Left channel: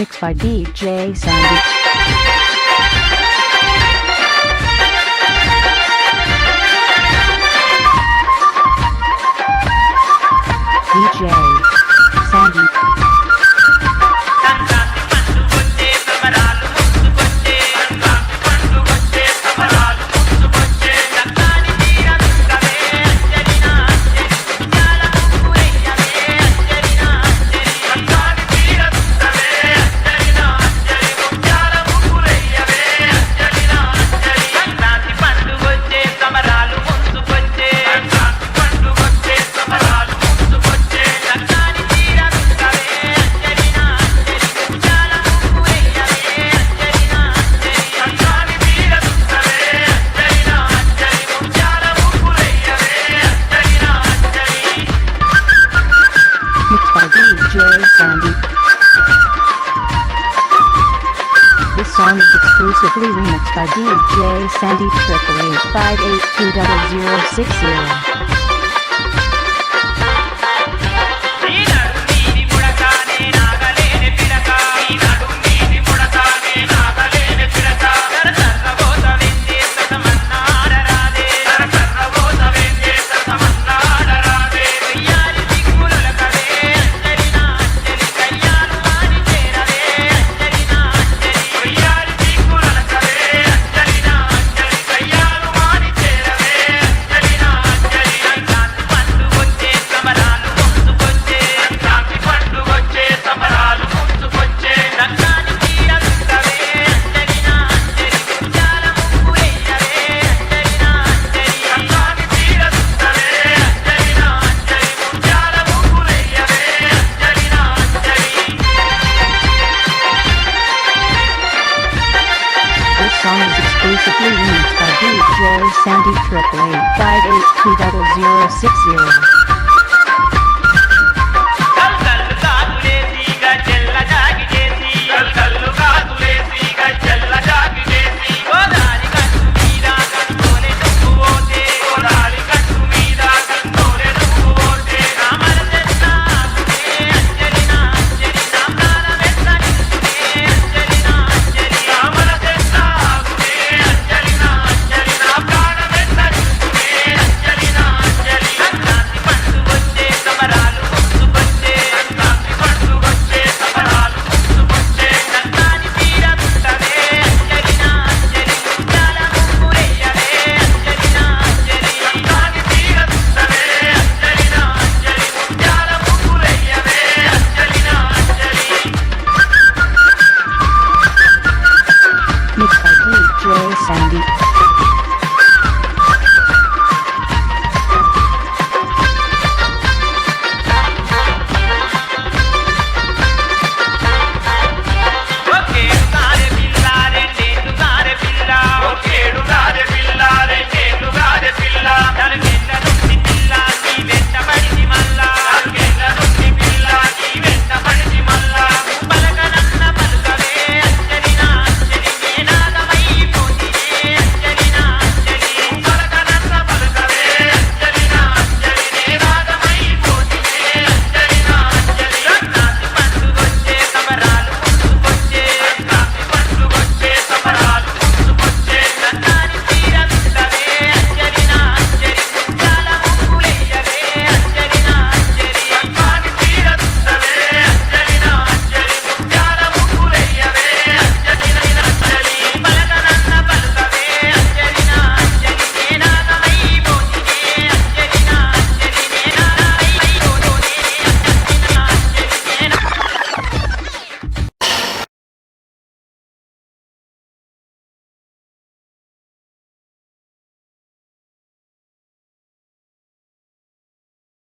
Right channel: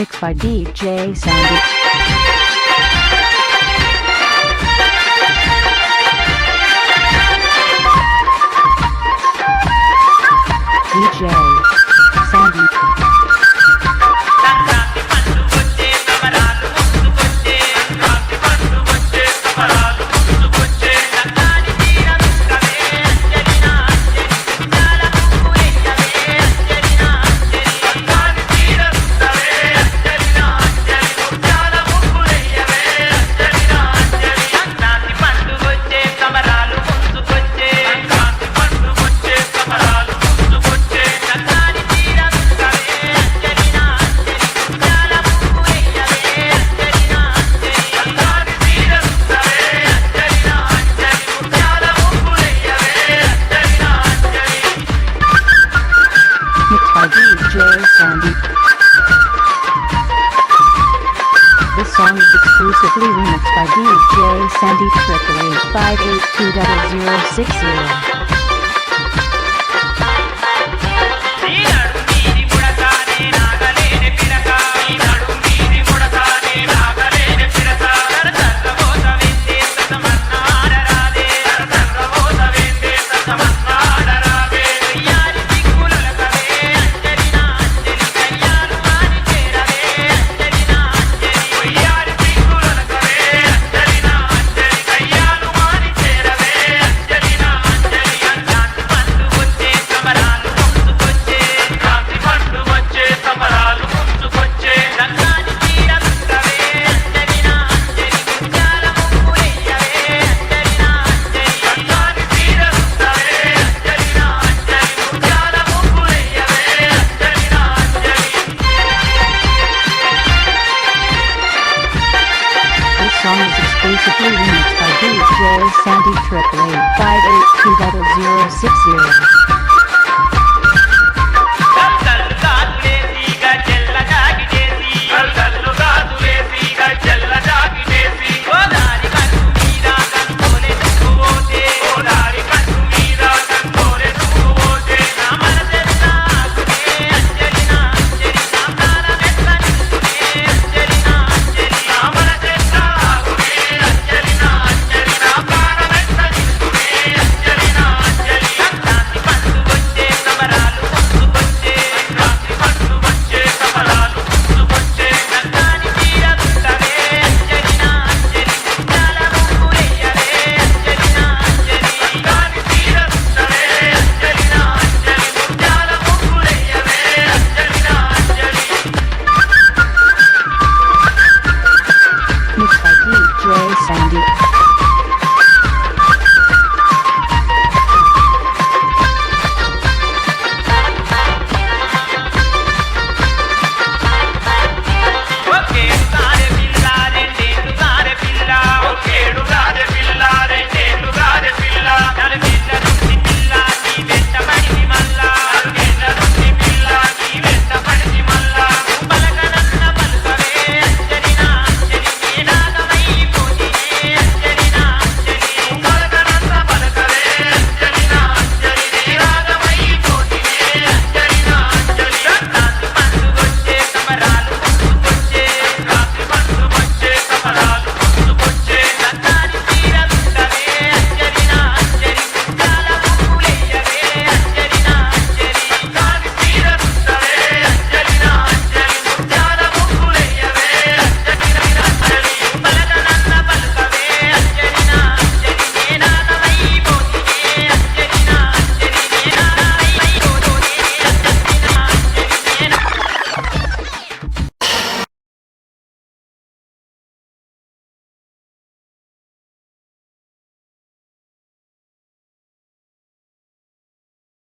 Mixed by DJ Sandy. DJ Sandy. by DJ Sandy. This song is exclusively remixed by DJ Sandy Triple Eight Five Eight Two Double Zero Six Zero. This song is exclusively remixed by DJ Sandy Triple Eight Five Eight Two Double Zero Six Zero. mixed by DJ Sandy.